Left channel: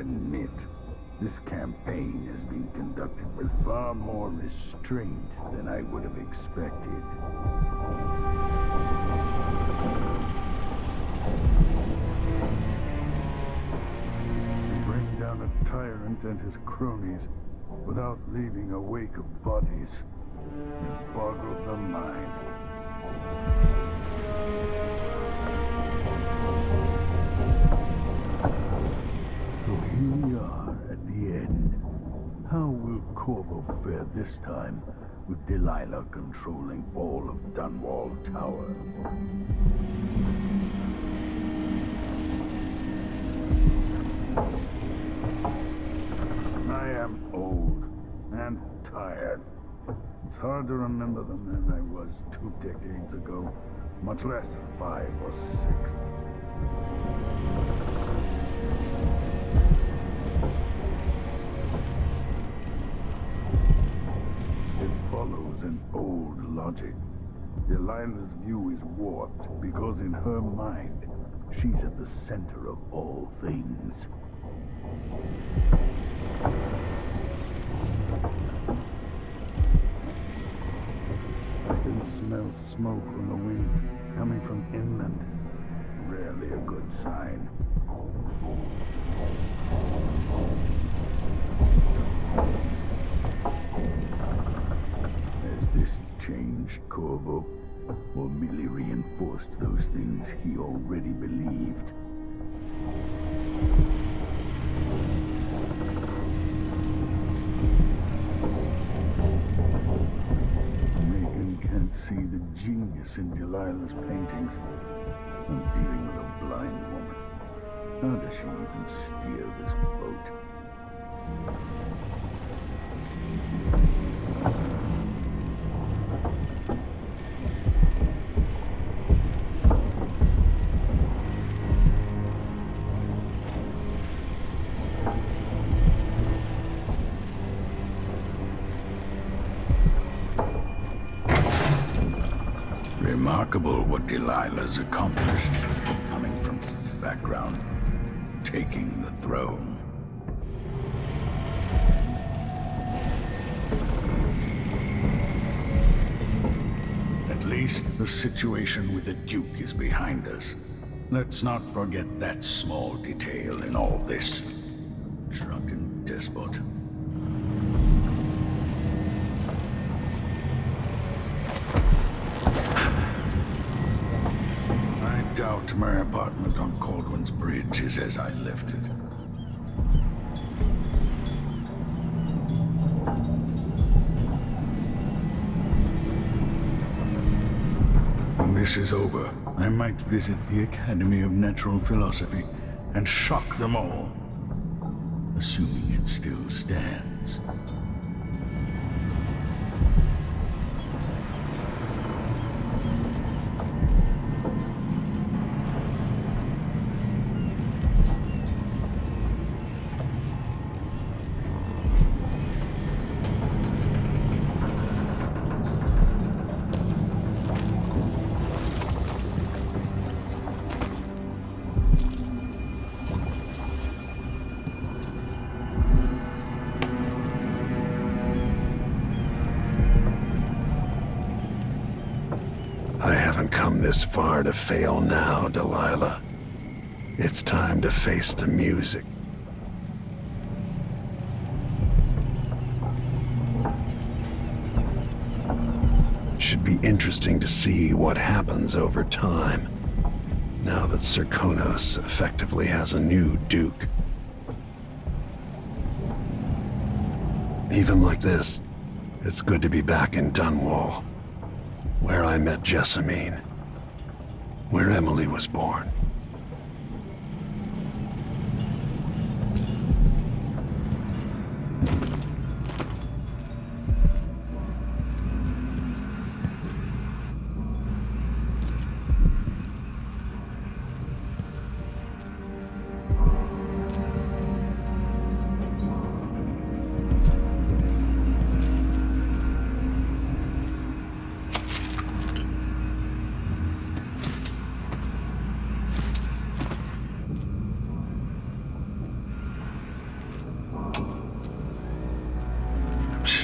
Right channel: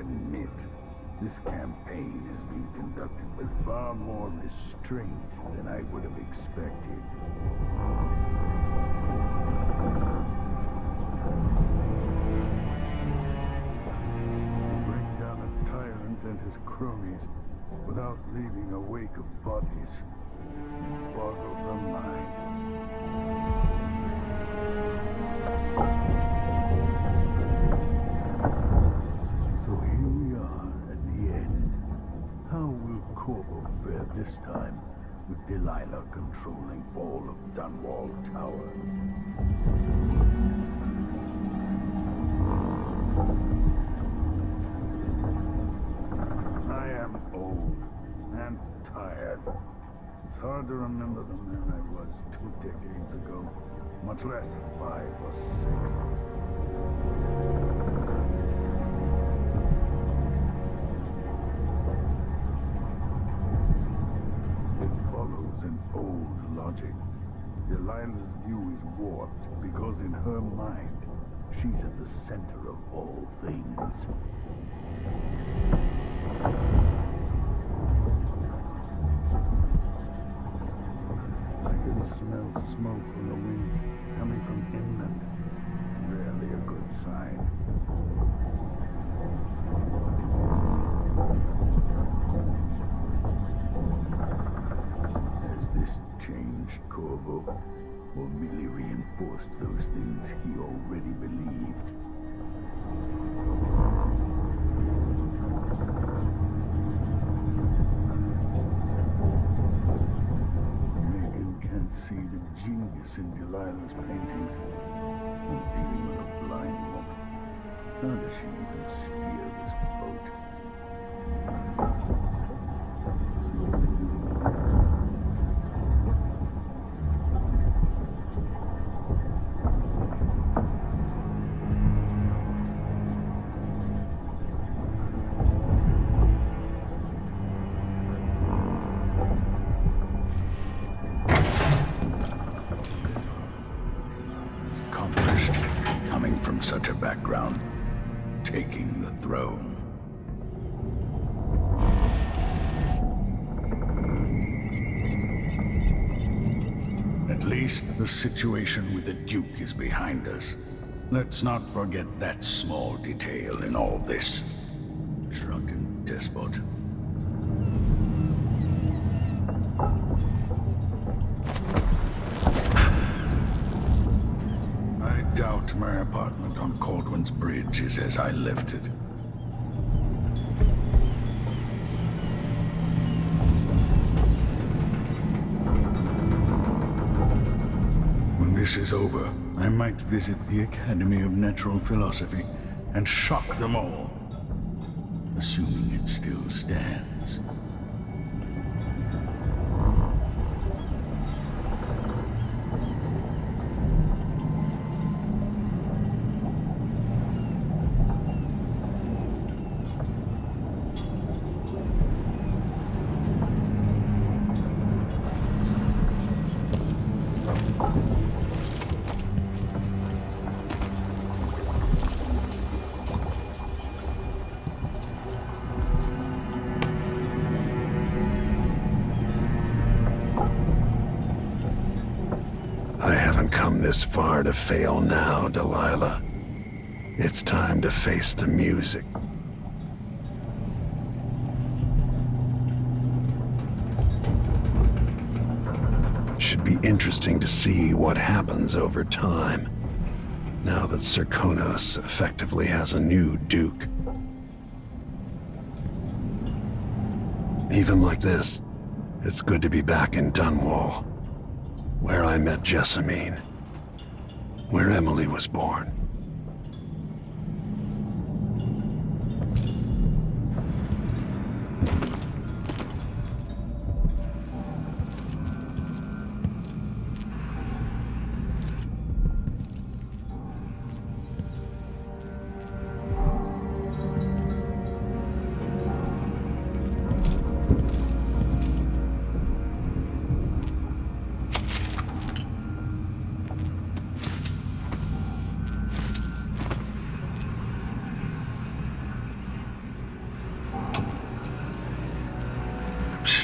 admit, this campaign has been conducted with far more restraint than I would have expected. To bring down a tyrant and his cronies without leaving a wake of bodies, it boggles the mind. So here we are at the end. How will Corvo fare this time, with Delilah controlling all of Dunwall Tower? I am old and tired. It's hard to remember the man I was 2 decades ago, much less 5 or 6. It follows an old logic. Delilah's view is warped because in her mind, she's at the center of all things. I can smell smoke from the wind coming from inland. Rarely a good sign. Has this changed Corvo, or merely reinforced those things he already believed? Can't see the genius in Delilah's paintings. I'm dealing with a blind woman. How does she even steer this boat? Remarkable what Delilah's accomplished, coming from such a background, taking the throne. At least the situation with the Duke is behind us. Let's not forget that small detail in all this. Drunken despot. I doubt my apartment on Caldwell's Bridge is as I left it. When this is over, I might visit the Academy of Natural Philosophy and shock them all, assuming it still stands. I haven't come this far to fail now, Delilah. It's time to face the music. Should be interesting to see what happens over time, now that Serkonos effectively has a new Duke. Even like this, it's good to be back in Dunwall, where I met Jessamine, where Emily was born.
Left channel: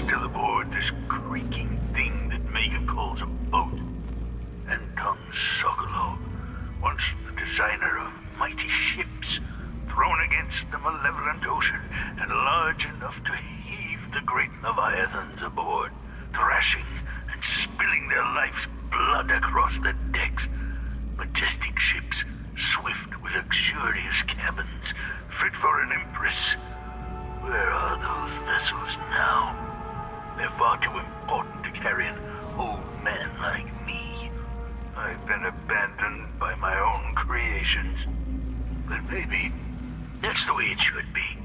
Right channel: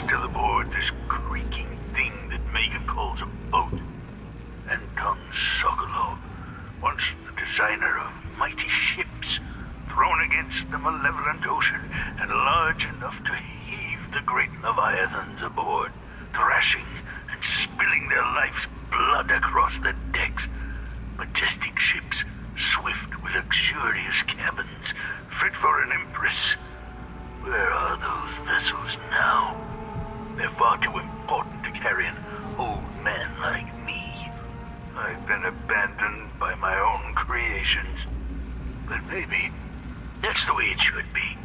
still aboard this creaking thing that Megan calls a boat. Anton Sokolov, once the designer of mighty ships, thrown against the malevolent ocean and large enough to heave the great leviathans aboard, thrashing and spilling their life's blood across the decks. Majestic ships, swift with luxurious cabins, fit for an empress. Where are those vessels now? They're far too important to carry an old man like me. I've been abandoned by my own creations. But maybe that's the way it should be.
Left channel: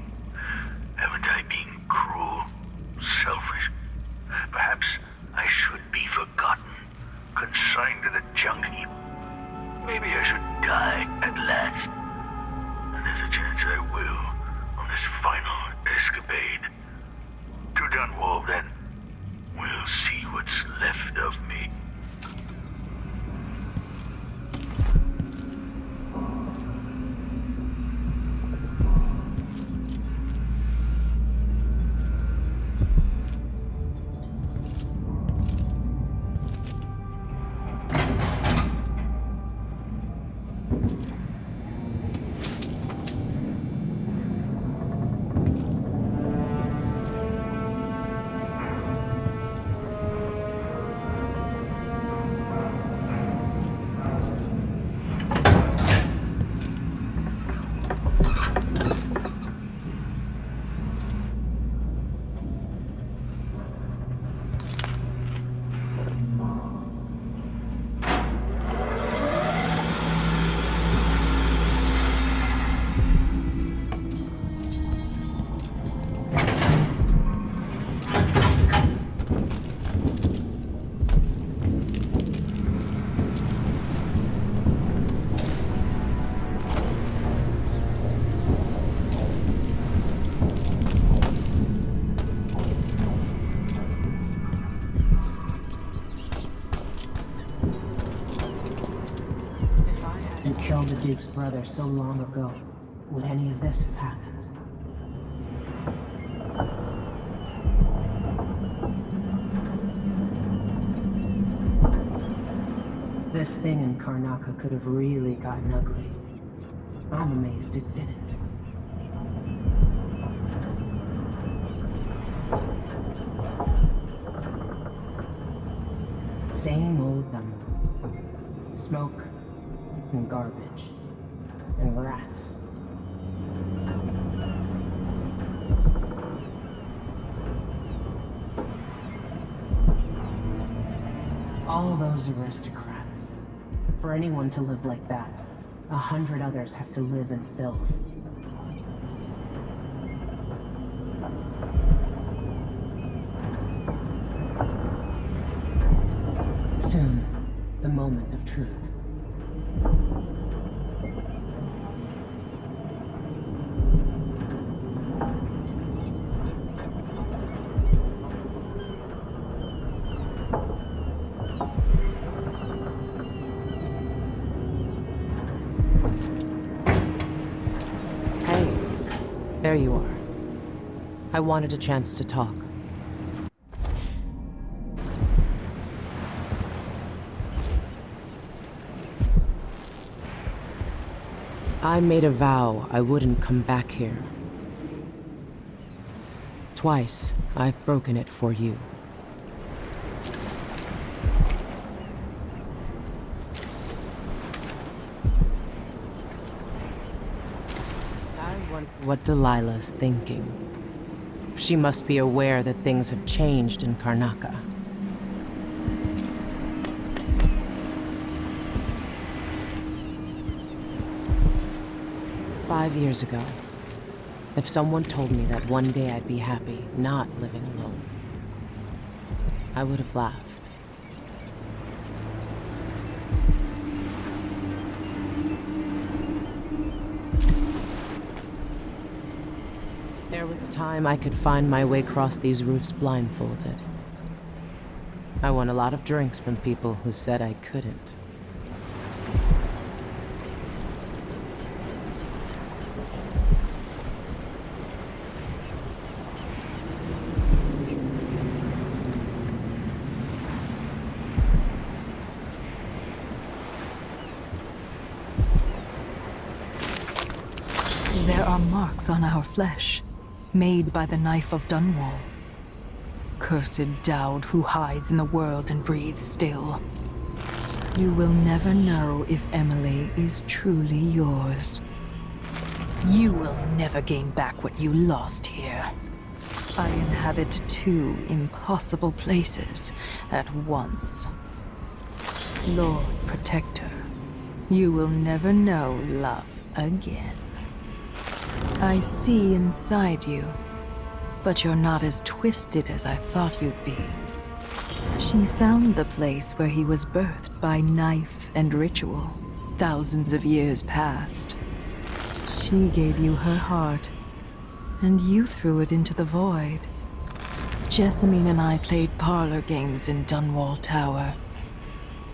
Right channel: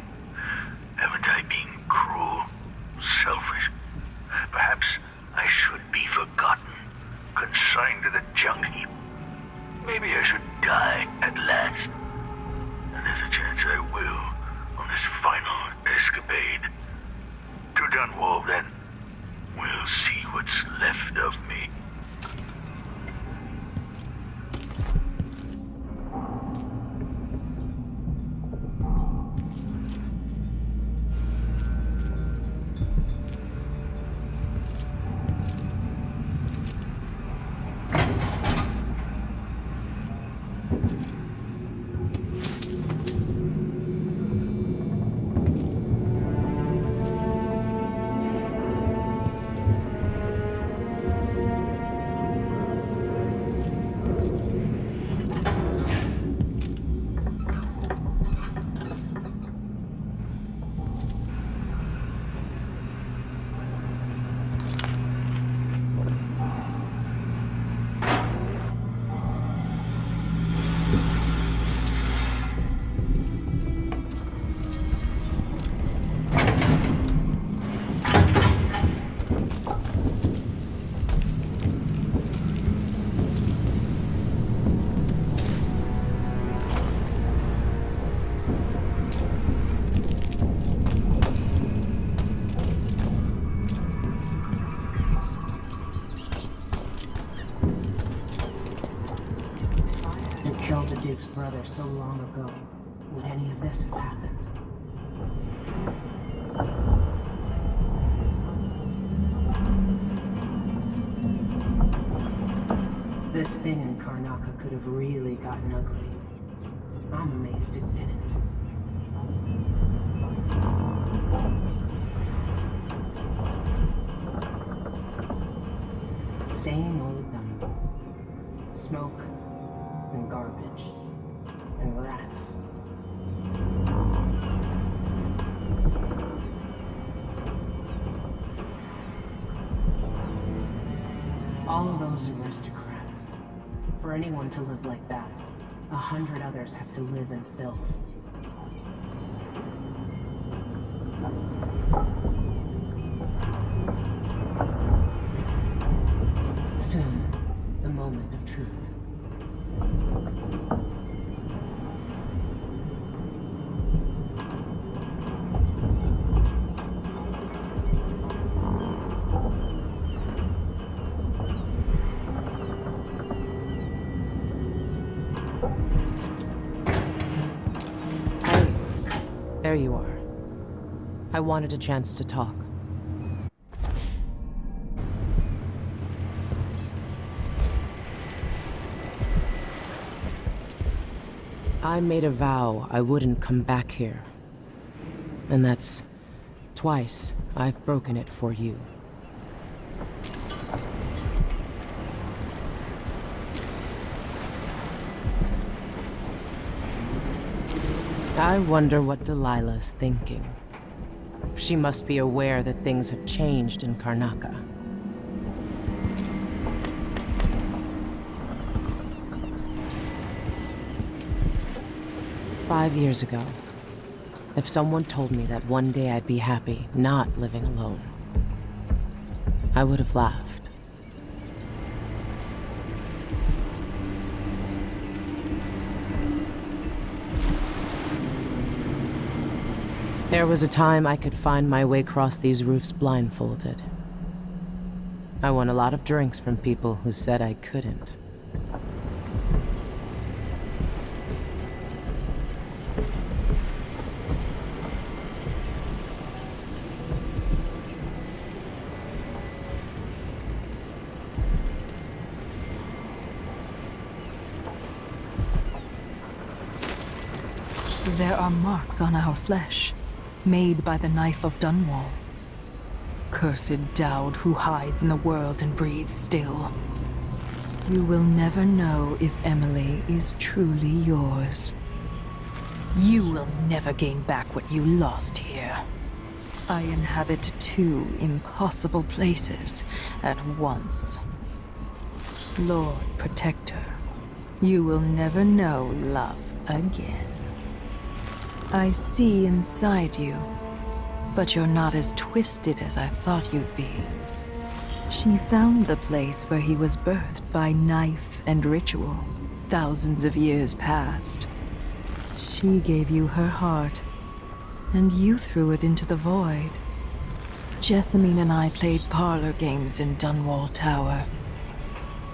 Haven't I been cruel, selfish? Perhaps I should be forgotten, consigned to the junk heap. Maybe I should die at last. And there's a chance I will on this final escapade. To Dunwall, then. We'll see what's left of me. Killed the Duke's brother so long ago, would any of this have happened? This thing in Karnaca could have really gotten ugly. I'm amazed it didn't. Same old Dunwall. Smoke and garbage and rats. All those aristocrats. For anyone to live like that, 100 others have to live in filth. Soon, the moment of truth. There you are. I wanted a chance to talk. I made a vow I wouldn't come back here. And that's twice I've broken it for you. I wonder what Delilah's thinking. She must be aware that things have changed in Karnaca. "5 years ago, if someone told me that one day I'd be happy not living alone, I would have laughed. There was a time I could find my way across these roofs blindfolded. I won a lot of drinks from people who said I couldn't. our flesh, made by the knife of Dunwall. Cursed dowd who hides in the world and breathes still. You will never know if Emily is truly yours. You will never gain back what you lost here. I inhabit two impossible places at once. Lord Protector, you will never know love again. I see inside you, but you're not as twisted as I thought you'd be. She found the place where he was birthed by knife and ritual, thousands of years past. She gave you her heart, and you threw it into the void. Jessamine and I played parlor games in Dunwall Tower.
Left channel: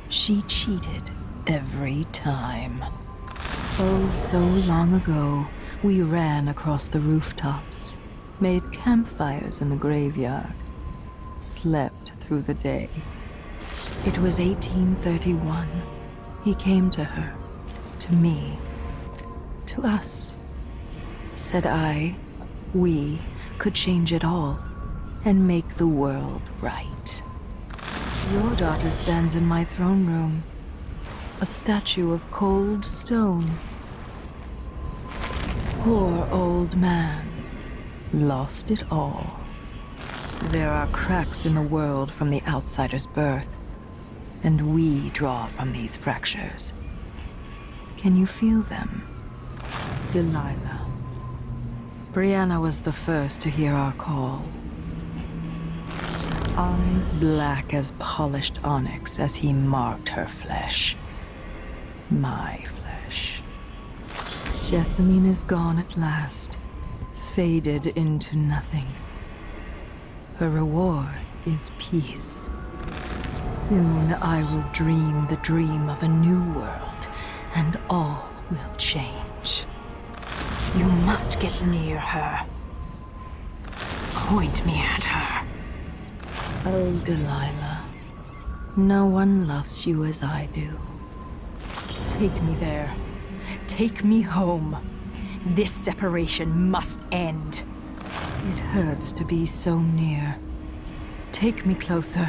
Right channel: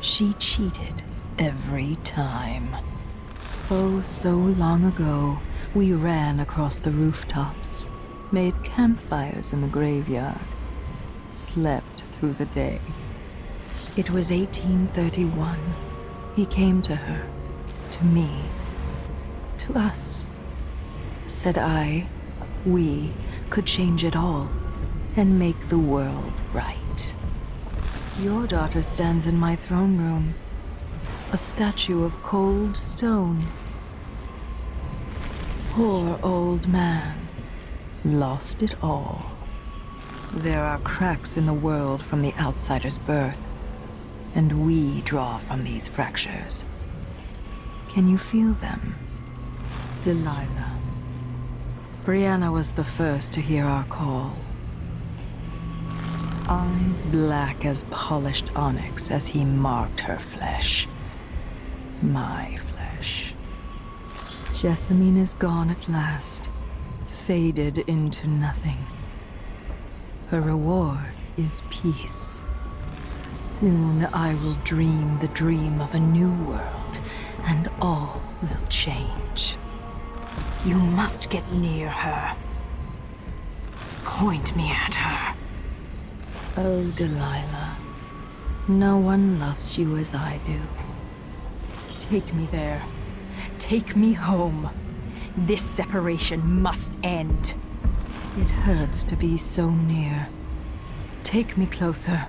She cheated every time. Oh, so long ago, we ran across the rooftops, made campfires in the graveyard, slept through the day. It was 1831. He came to her, to me, to us. Said we could change it all and make the world right. Your daughter stands in my throne room, a statue of cold stone. Poor old man, lost it all. There are cracks in the world from the outsider's birth, and we draw from these fractures. Can you feel them? Delilah. Brianna was the first to hear our call. Eyes black as polished onyx as he marked her flesh. My flesh. Jessamine is gone at last, faded into nothing. Her reward is peace. Soon I will dream the dream of a new world, and all will change. You must get near her. Point me at her. Oh, Delilah, no one loves you as I do. Take me there. Take me home. This separation must end. It hurts to be so near. Take me closer.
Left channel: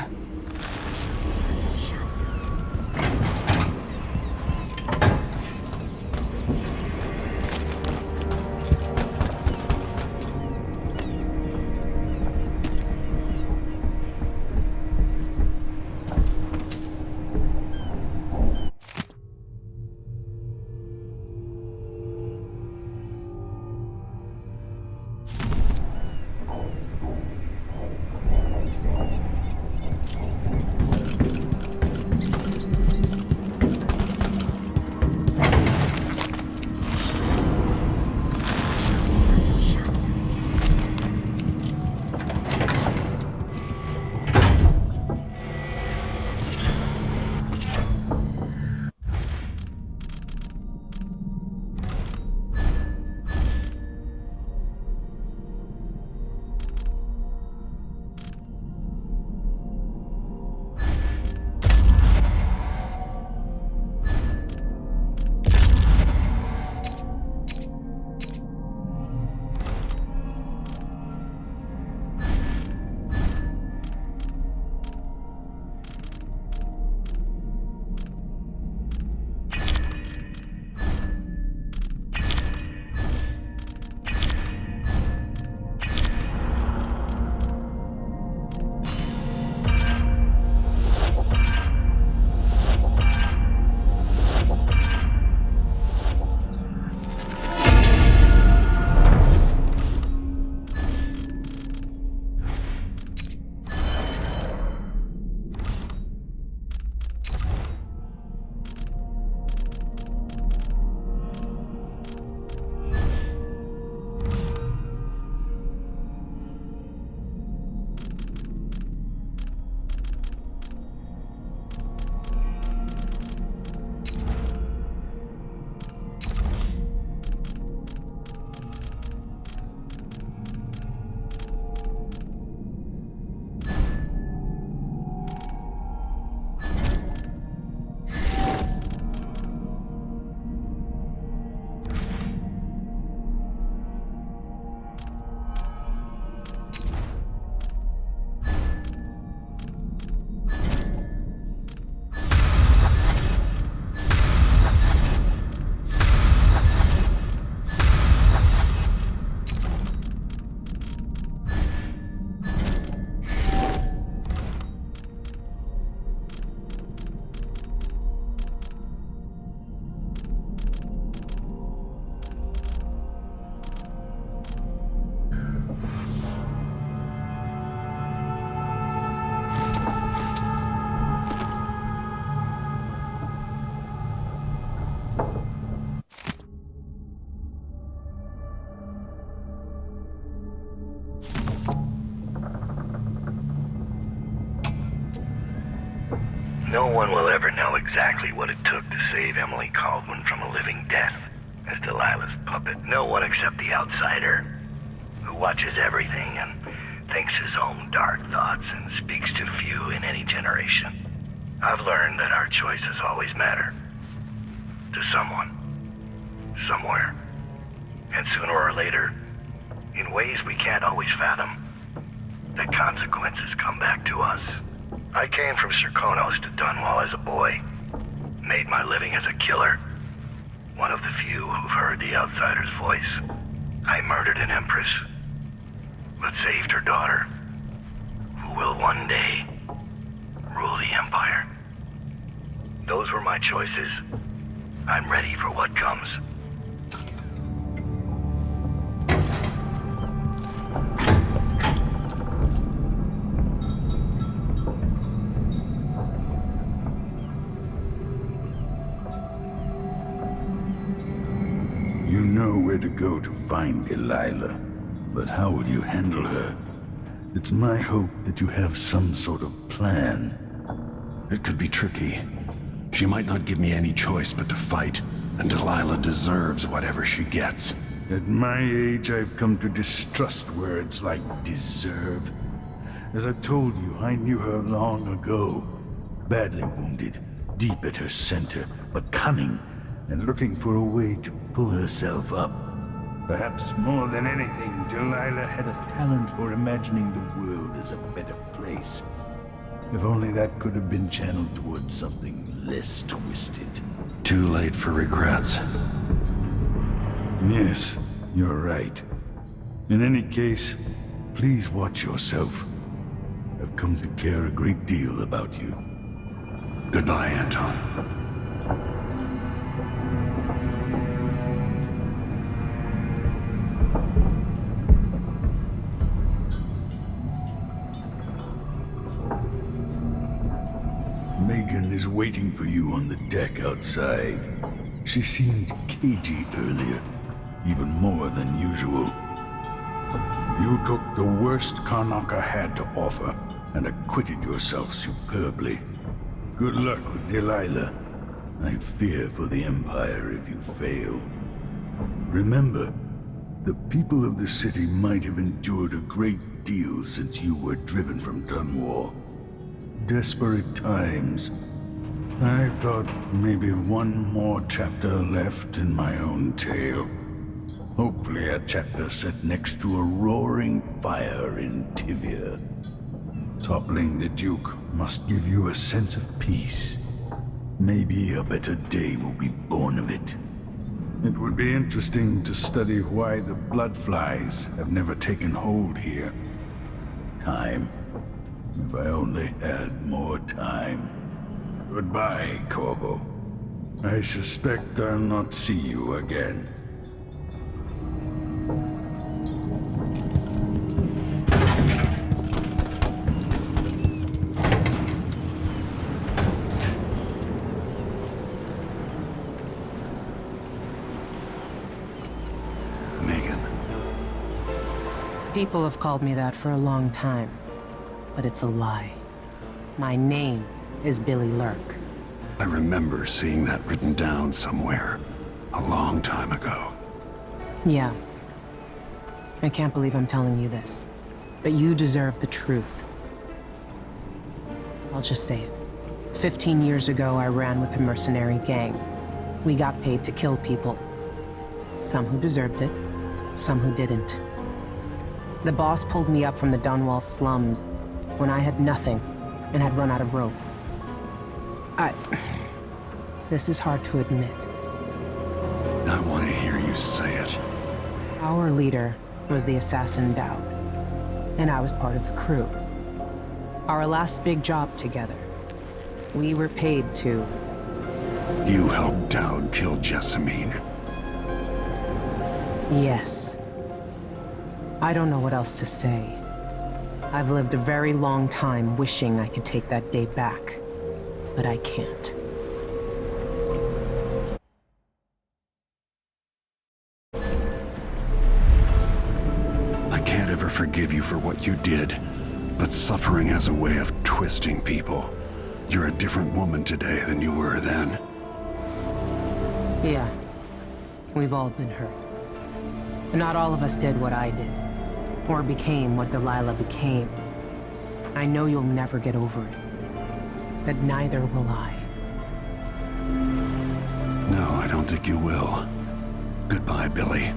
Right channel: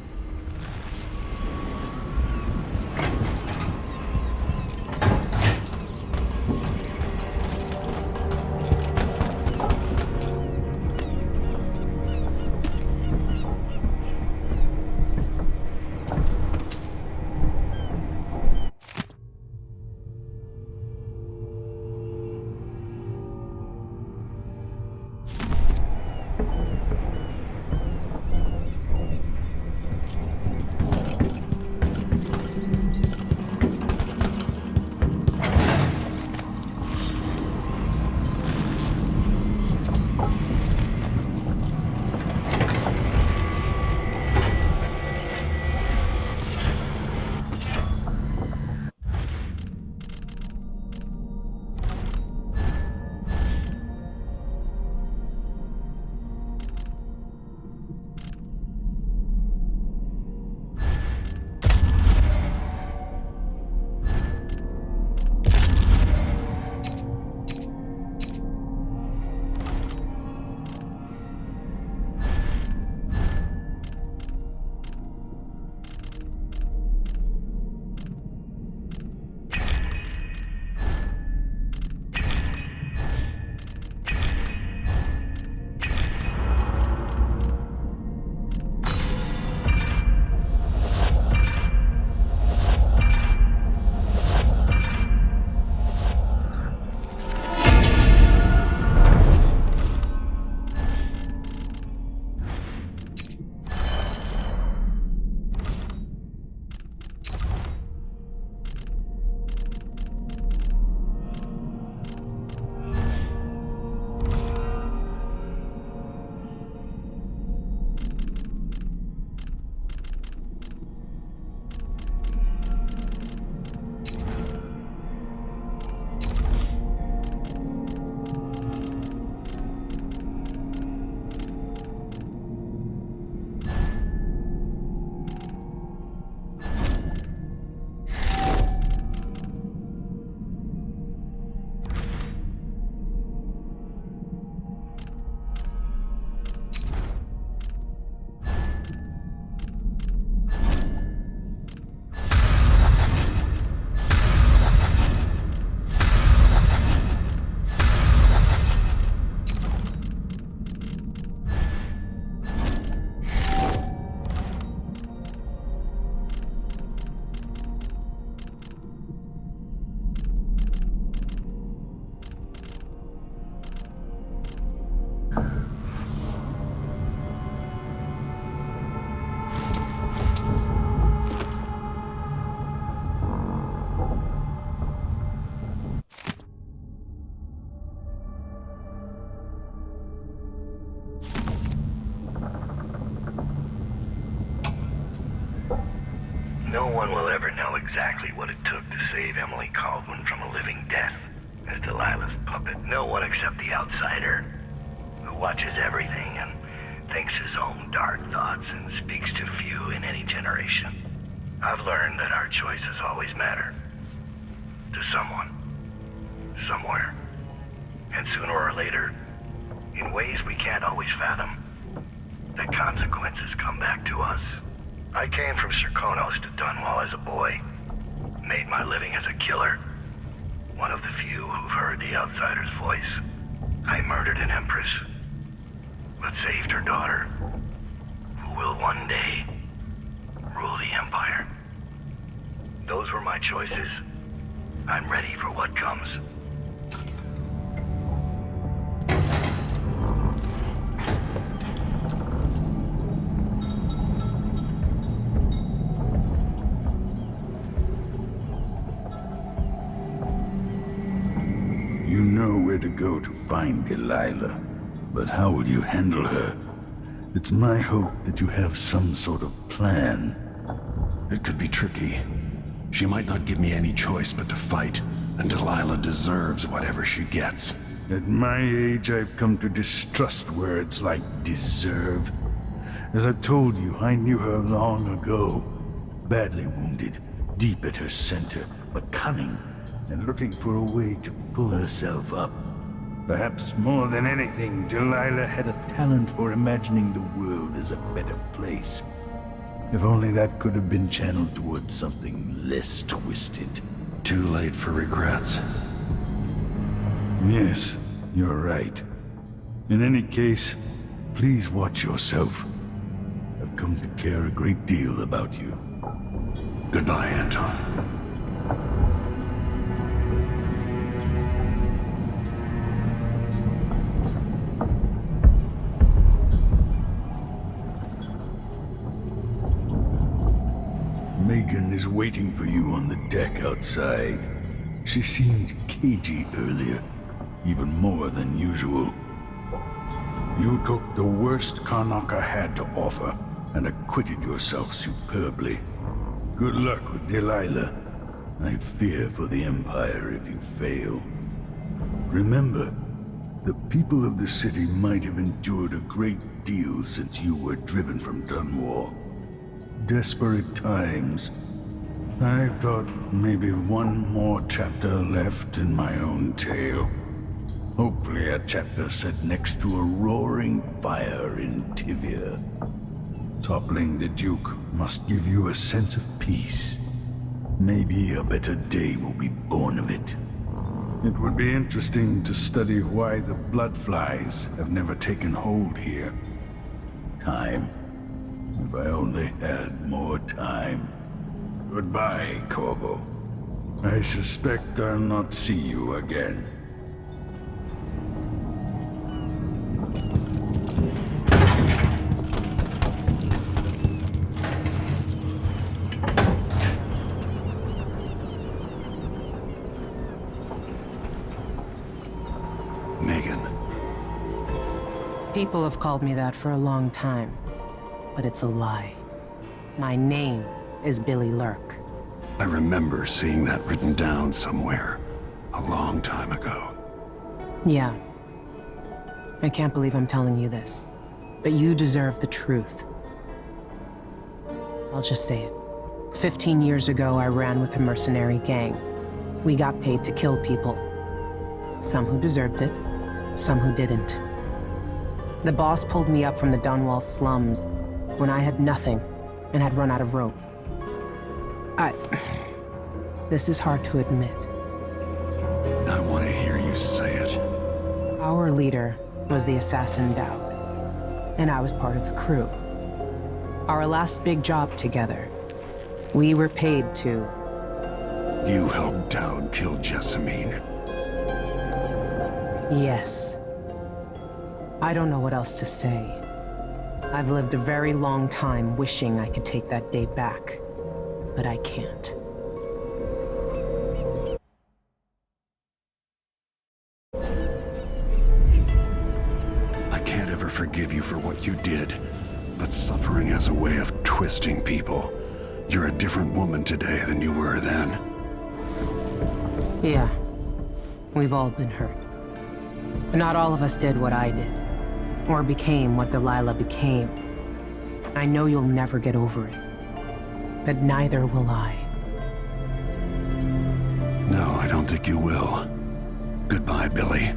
No one will ever know exactly what it took to save Emily Caldwin from a living death as Delilah's puppet. No one except the outsider, who watches everything and thinks his own dark thoughts and speaks to few in any generation. I've learned that our choices always matter. To someone. Somewhere. And sooner or later, in ways we can't always fathom, the consequences come back to us. I came from Serkonos to Dunwall as a boy. Made my living as a killer. One of the few who've heard the outsider's voice. I murdered an empress, but saved her daughter, who will one day rule the Empire. Those were my choices. I'm ready for what comes. You know where to go to find Delilah, but how will you handle her? It's my hope that you have some sort of plan. It could be tricky. She might not give me any choice but to fight, and Delilah deserves whatever she gets. At my age, I've come to distrust words like deserve. As I've told you, I knew her long ago. Badly wounded, deep at her center, but cunning, and looking for a way to pull herself up. Perhaps more than anything, Delilah had a talent for imagining the world as a better place. If only that could have been channeled towards something less twisted. Too late for regrets. Yes, you're right. In any case, please watch yourself. I've come to care a great deal about you. Goodbye, Anton. Megan is waiting for you on the deck outside. She seemed cagey earlier, even more than usual. You took the worst Karnaca had to offer and acquitted yourself superbly. Good luck with Delilah. I fear for the Empire if you fail. Remember, the people of the city might have endured a great deal since you were driven from Dunwall. Desperate times. I've got maybe one more chapter left in my own tale. Hopefully a chapter set next to a roaring fire in Tivia. Toppling the Duke must give you a sense of peace. Maybe a better day will be born of it. It would be interesting to study why the bloodflies have never taken hold here. Time. If I only had more time. Goodbye, Corvo. I suspect I'll not see you again. Megan. People have called me that for a long time, but it's a lie. My name is Billy Lurk. I remember seeing that written down somewhere a long time ago. Yeah. I can't believe I'm telling you this, but you deserve the truth. I'll just say it. 15 years ago, I ran with a mercenary gang. We got paid to kill people. Some who deserved it, some who didn't. The boss pulled me up from the Dunwall slums when I had nothing and had run out of rope. This is hard to admit. I want to hear you say it. Our leader was the assassin Dowd, and I was part of the crew. Our last big job together, we were paid to... You helped Dowd kill Jessamine. Yes. I don't know what else to say. I've lived a very long time wishing I could take that day back, but I can't. I can't ever forgive you for what you did, but suffering has a way of twisting people. You're a different woman today than you were then. Yeah, we've all been hurt. But not all of us did what I did, or became what Delilah became. I know you'll never get over it, but neither will I. No, I don't think you will. Goodbye, Billy.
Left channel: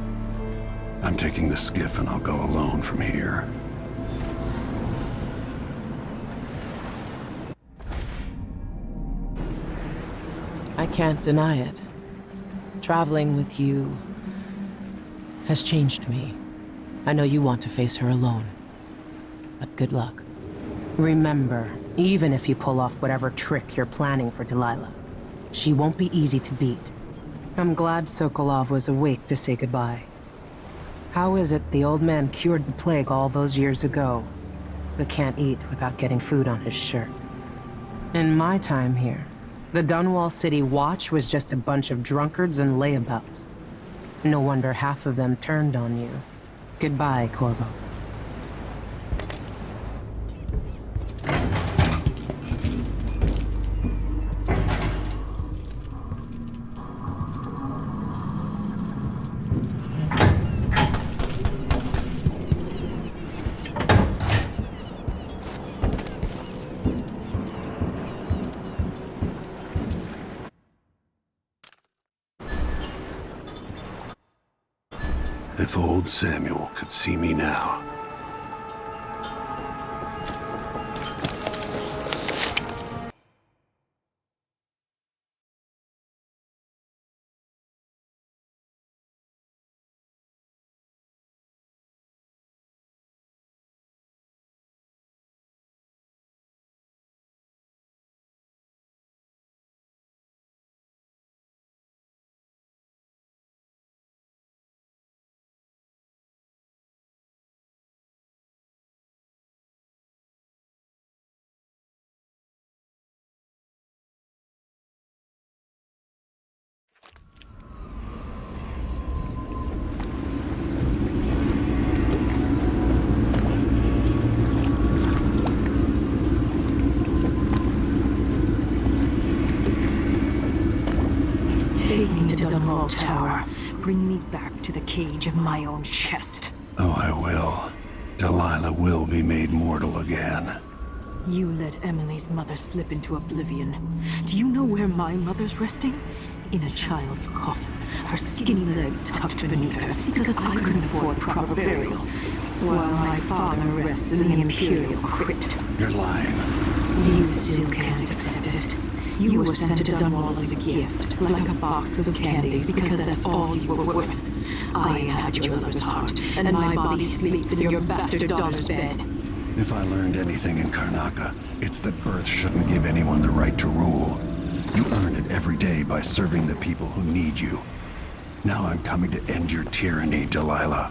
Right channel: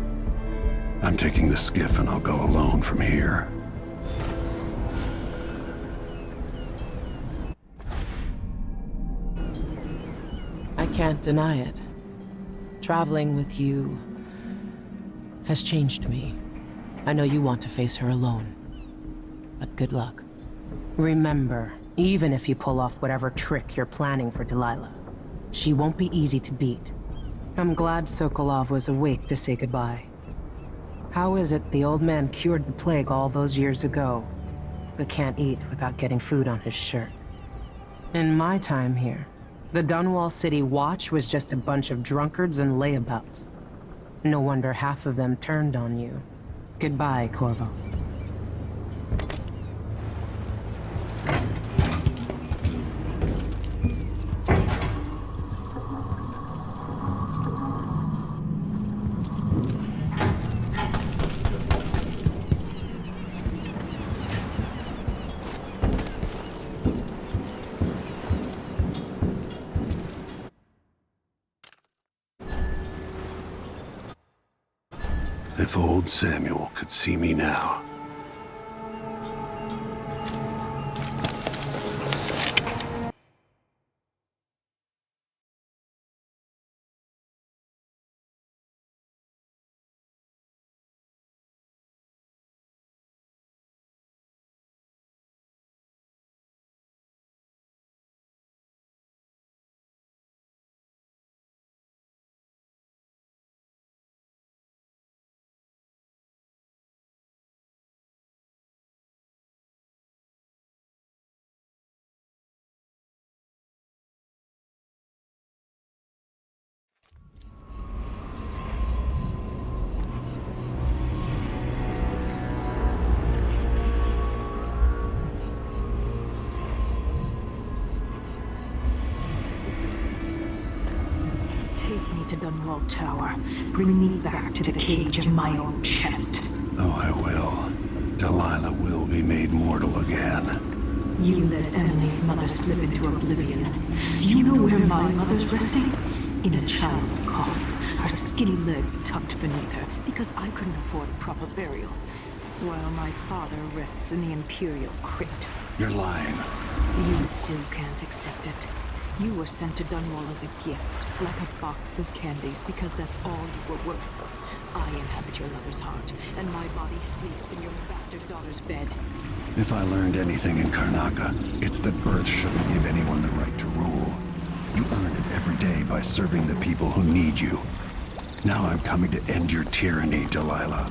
I'm taking the skiff and I'll go alone from here. I can't deny it. Traveling with you has changed me. I know you want to face her alone, but good luck. Remember, even if you pull off whatever trick you're planning for Delilah, she won't be easy to beat. I'm glad Sokolov was awake to say goodbye. How is it the old man cured the plague all those years ago, but can't eat without getting food on his shirt? In my time here, the Dunwall City Watch was just a bunch of drunkards and layabouts. No wonder half of them turned on you. Goodbye, Corvo. If old Samuel could see me now. Take me to Dunwall Tower. Bring me back to the cage in my own chest. Oh, I will. Delilah will be made mortal again. You let Emily's mother slip into oblivion. Do you know where my mother's resting? In a child's coffin, her skinny legs tucked beneath her, because I couldn't afford proper burial, while my father rests in the Imperial crypt. You're lying. You still can't accept it. You were sent to Dunwall as a gift, like a box of candies, because that's all you were worth. I inhabit your lover's heart, and my body sleeps in your bastard daughter's bed. If I learned anything in Karnaca, it's that birth shouldn't give anyone the right to rule. You earn it every day by serving the people who need you. Now I'm coming to end your tyranny, Delilah.